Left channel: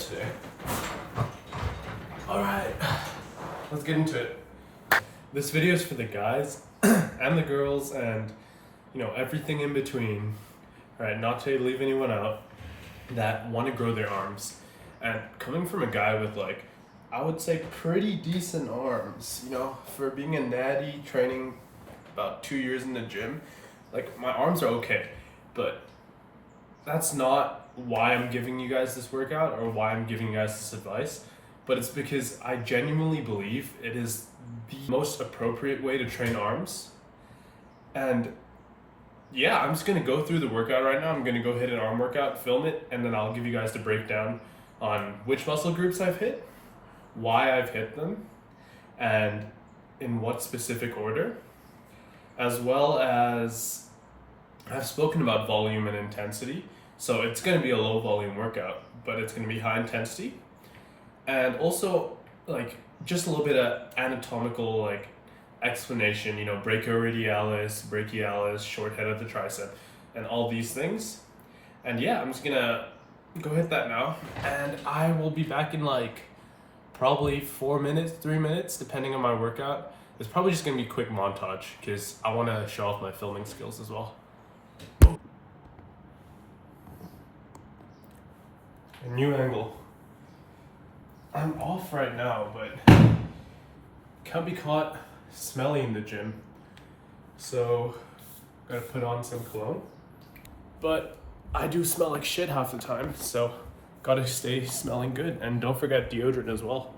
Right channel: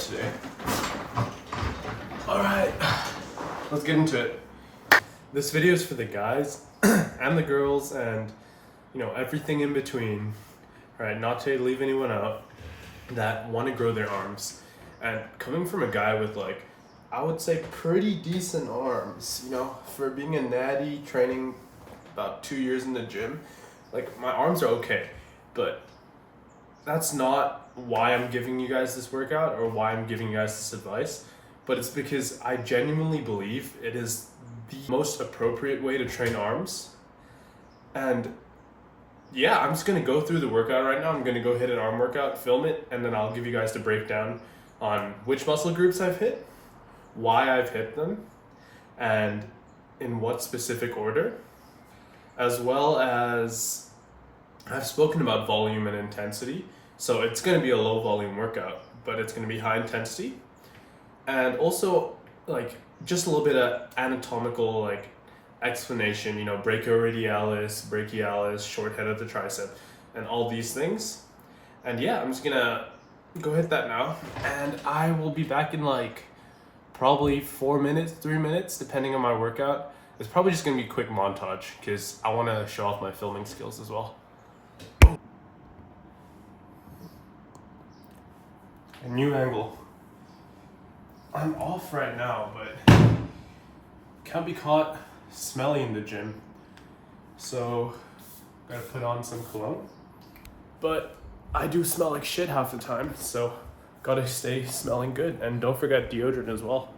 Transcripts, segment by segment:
today. Alright, let's get into it. This video is for the guys and the girls and, you know, everything in between, right? Not to leave anyone out, that want to grow their arms. And coming from a guy with, like, I would say pretty decent arms, you know, for being a natty, training about 2 years in the gym, like, my arms are okay, but that's not why I'm giving you guys this workout or why I'm giving you guys this advice, but it's because I genuinely believe it is the most appropriate way to train arms. And yeah, I'm just gonna go through the workout right now. I'm gonna go hit an arm workout, film it, and then I'll give you guys the breakdown on which muscle groups I've hit, why I've hit them, and in what specific order, as well as I've spoken about volume and intensity. So it's going to be a low volume workout, but it's going to be high intensity. And also, like, just a little bit of anatomical, like, explanation, you know, brachioradialis, brachialis, short head of the tricep, and all these things. And yeah, I'm just going to go hit that now. And I will be back in, like, probably 4 minutes, 3 minutes, depending on my workout. It's probably just going to be a quick montage because I want to show off my filming skills as well. A new angle. I'm off right now, but can't be caught smelly in the gym. So, gotta put on some cologne. But I do smell like shit half the time, so gotta stay smelling good. And don't forget deodorant as well.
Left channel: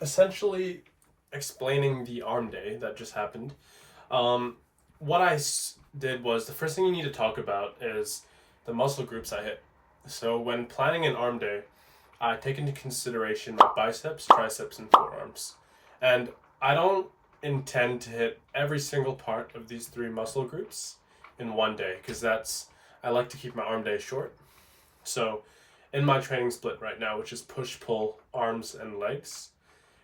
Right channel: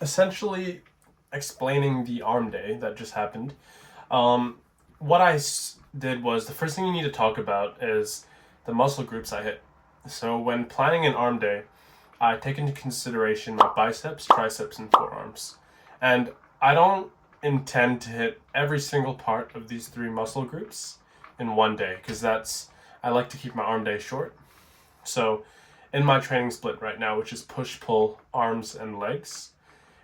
Essentially explaining the arm day that just happened. What I did was, the first thing you need to talk about is the muscle groups I hit. So when planning an arm day, I take into consideration the biceps, triceps, and forearms. And I don't intend to hit every single part of these three muscle groups in one day, because I like to keep my arm day short. So in my training split right now, which is push, pull, arms, and legs,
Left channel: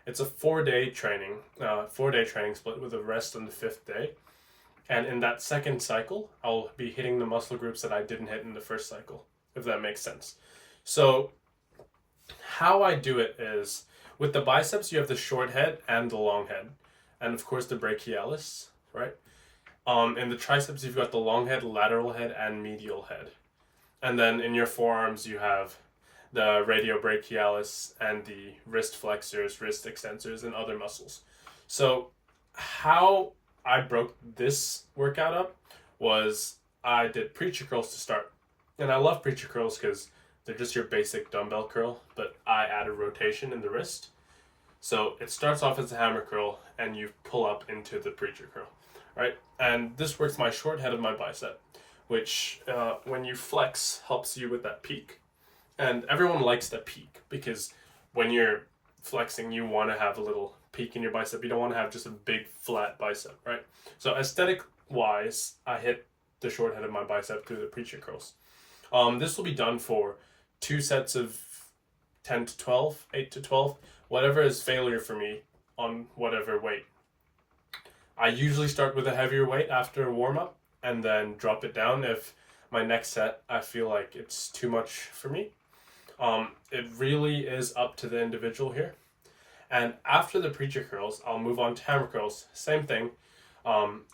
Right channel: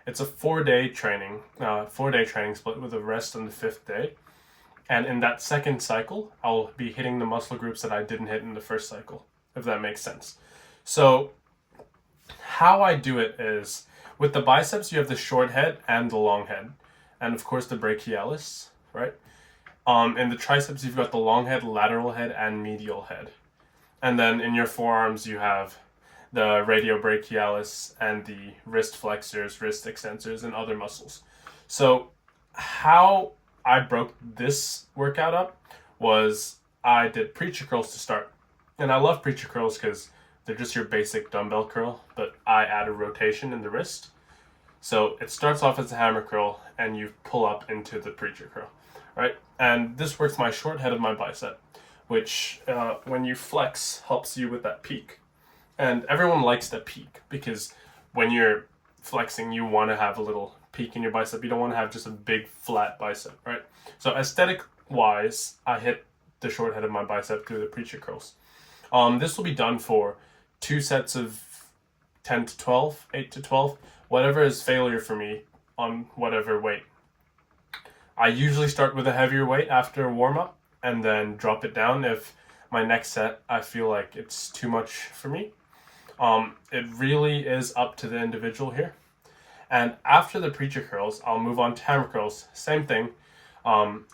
it's a 4-day training split with a rest on the 5th day. And in that second cycle, I'll be hitting the muscle groups that I didn't hit in the first cycle, if that makes sense. So how I do it is, with the biceps, you have the short head and the long head. And of course the brachialis, right? In the triceps, you've got the long head, lateral head, and medial head. And then in your forearms, you have the radiobrachialis and the wrist flexors, wrist extensors, and other muscles. So how I broke this workout up was I did preacher curls to start. And I love preacher curls because they're just your basic dumbbell curl, but I add a rotation in the wrist. So it starts off as a hammer curl and you pull up into the preacher curl, right? And this works my short head of my bicep, which when you flex helps you with that peak. And everyone likes the peak because when you're flexing, you want to have a little peak in your bicep. You don't want to have just a big flat bicep, right? So aesthetic wise, I hit the short head of my bicep through the preacher curls. This will be done for 2 sets of 10 to 12, 8 to 12, whatever is failure for me on whatever weight. I usually start with a heavier weight after warm up and then drop it down if my next set I feel like it's too much for me. It really is up to the individual here. And after the preacher curls, I'll move on to hammer curls. Same thing,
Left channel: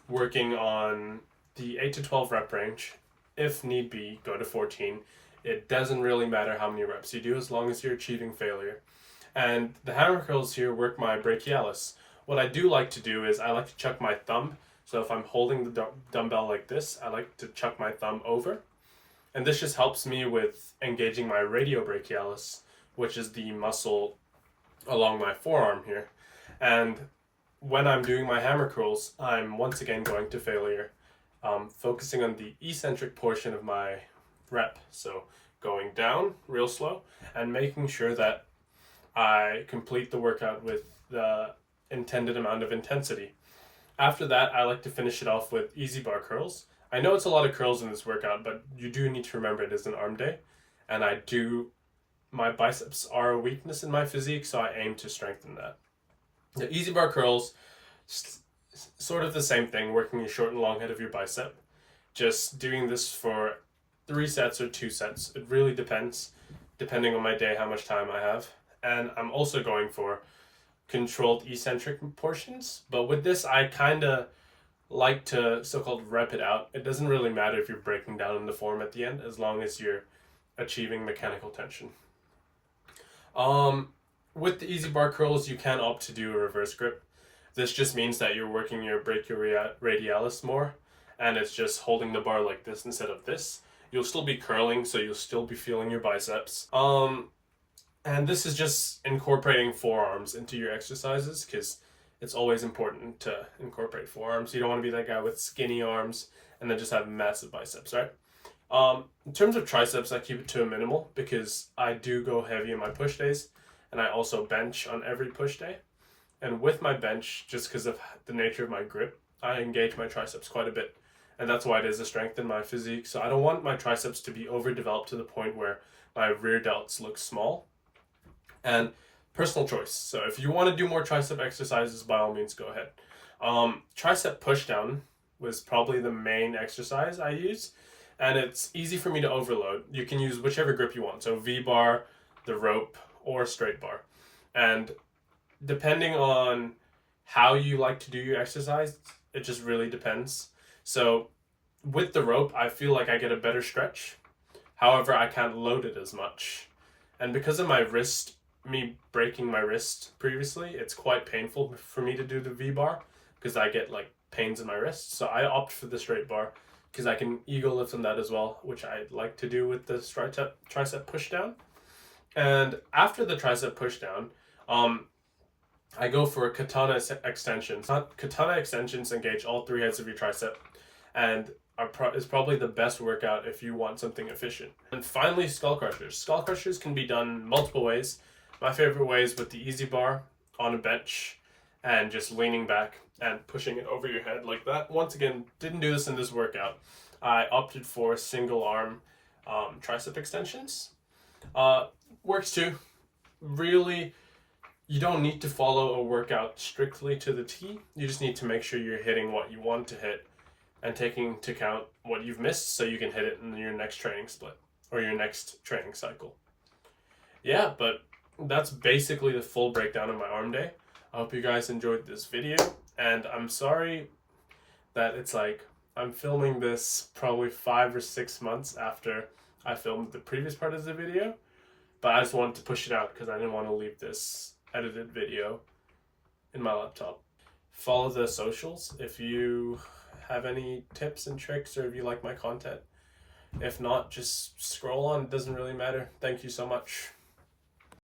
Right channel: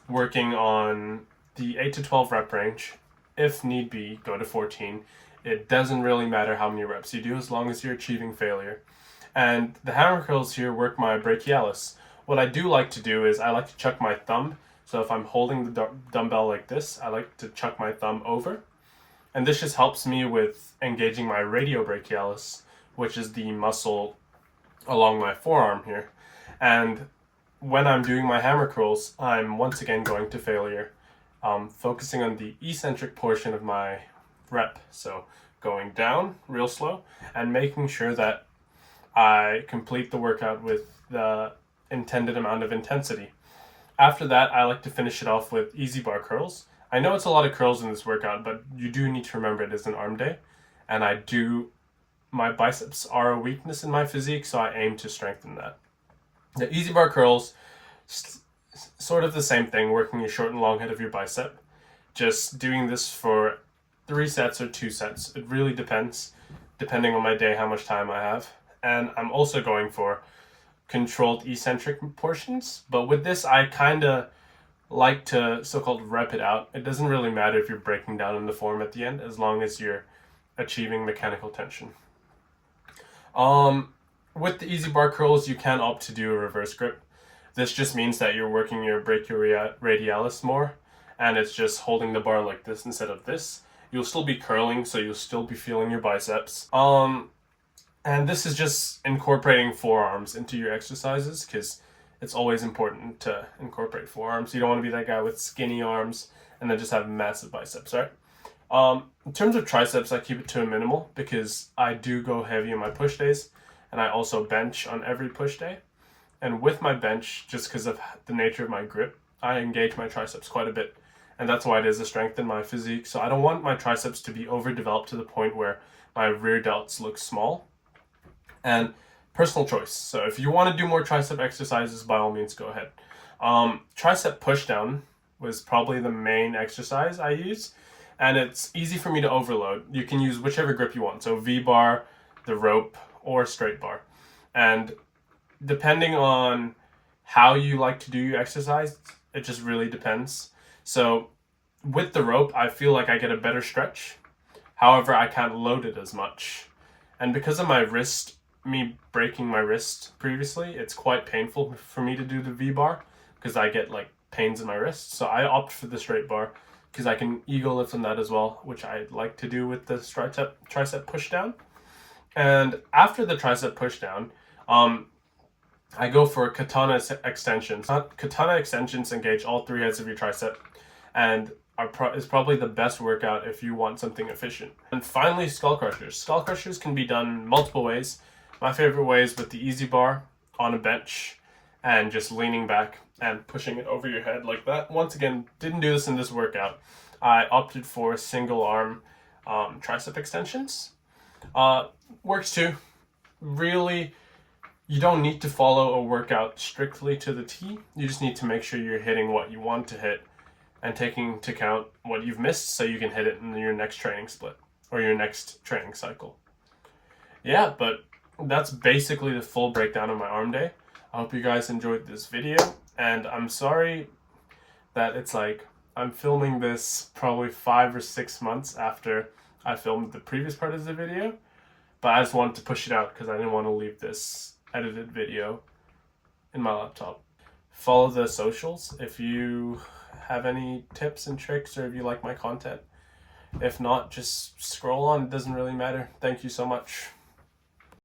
working on the 8 to 12 rep range. If need be, go to 14. It doesn't really matter how many reps you do as long as you're achieving failure. And the hammer curls here work my brachialis. What I do like to do is I like to chuck my thumb. So if I'm holding the dumbbell like this, I like to chuck my thumb over. And this just helps me with engaging my radiobrachialis, which is the muscle along my forearm here. And when I'm doing my hammer curls, I'm once again going to failure, focusing on the eccentric portion of my rep. So going down real slow and making sure that I complete the workout with the intended amount of intensity. After that, I like to finish it off with easy bar curls. I know it's a lot of curls in this workout, but you do need to remember it is an arm day. And my biceps are a weakness in my physique, so I aim to strengthen that. The easy bar curls, sort of the same thing, working your short and long head of your bicep. Just doing this for 3 sets or 2 sets. It really depends, depending on my day, how much time I have. And I'm also going for controlled eccentric portions. But with this, I kind of like to so-called rep it out. It doesn't really matter if you're breaking down in the form at the end, as long as you're achieving mechanical tension. With the easy bar curls, you can opt to do a reverse grip. This just means that you're working your brachioradialis more, and it's just holding the bar like this instead of this. You'll still be curling, so you'll still be feeling your biceps. And this is just incorporating forearms into your exercises, because it's always important to incorporate forearms. You don't want to be that guy with skinny arms and then just have massive biceps, right? In terms of triceps, I keep it to a minimal because I do go heavy in my push days, and I also bench on every push day. And with my bench, just because of the nature of my grip, I engage my triceps quite a bit. And that's why it is a strength in my physique. So I don't want my triceps to be overdeveloped to the point where my rear delts look small. And personal choice. So if you want to do more tricep exercises, by all means, go ahead. Tricep pushdown was probably the main exercise I use. And it's easy for me to overload. You can use whichever grip you want. So V-bar, the rope, or straight bar. And depending on how you like to do your exercise, it just really depends. So with the rope, I feel like I get a better stretch. However, I can't load it as much. And because of my wrist, me breaking my wrist previously, it's quite painful for me to do the V-bar because I get like pains in my wrist. So I opt for the straight bar because I can ego lift on that as well, which I like to do with the tricep pushdown. And after the tricep pushdown, I go for katana extensions. Katana extensions engage all 3 heads of your tricep and is probably the best workout if you want something efficient. And finally, skull crushers. Skull crushers can be done multiple ways. My favorite way is with the easy bar on a bench and just leaning back and pushing it over your head like that. Once again, didn't do this in this workout. I opted for single arm tricep extensions. Works too. Really, you don't need to follow a workout strictly to the T. You just need to make sure you're hitting what you want to hit and taking into account what you've missed so you can hit it in your next training split or your next training cycle. Yeah, but that's basically the full breakdown of my arm day. I hope you guys enjoyed this video, and I'm sorry that it's like I'm filming this probably 5 or 6 months after I filmed the previous part of the video, But I just wanted to push it out because I didn't want to leave this edited video in my laptop. Follow the socials if you have any tips and tricks or if you like my content. If not, just scroll on. It doesn't really matter. Thank you so much.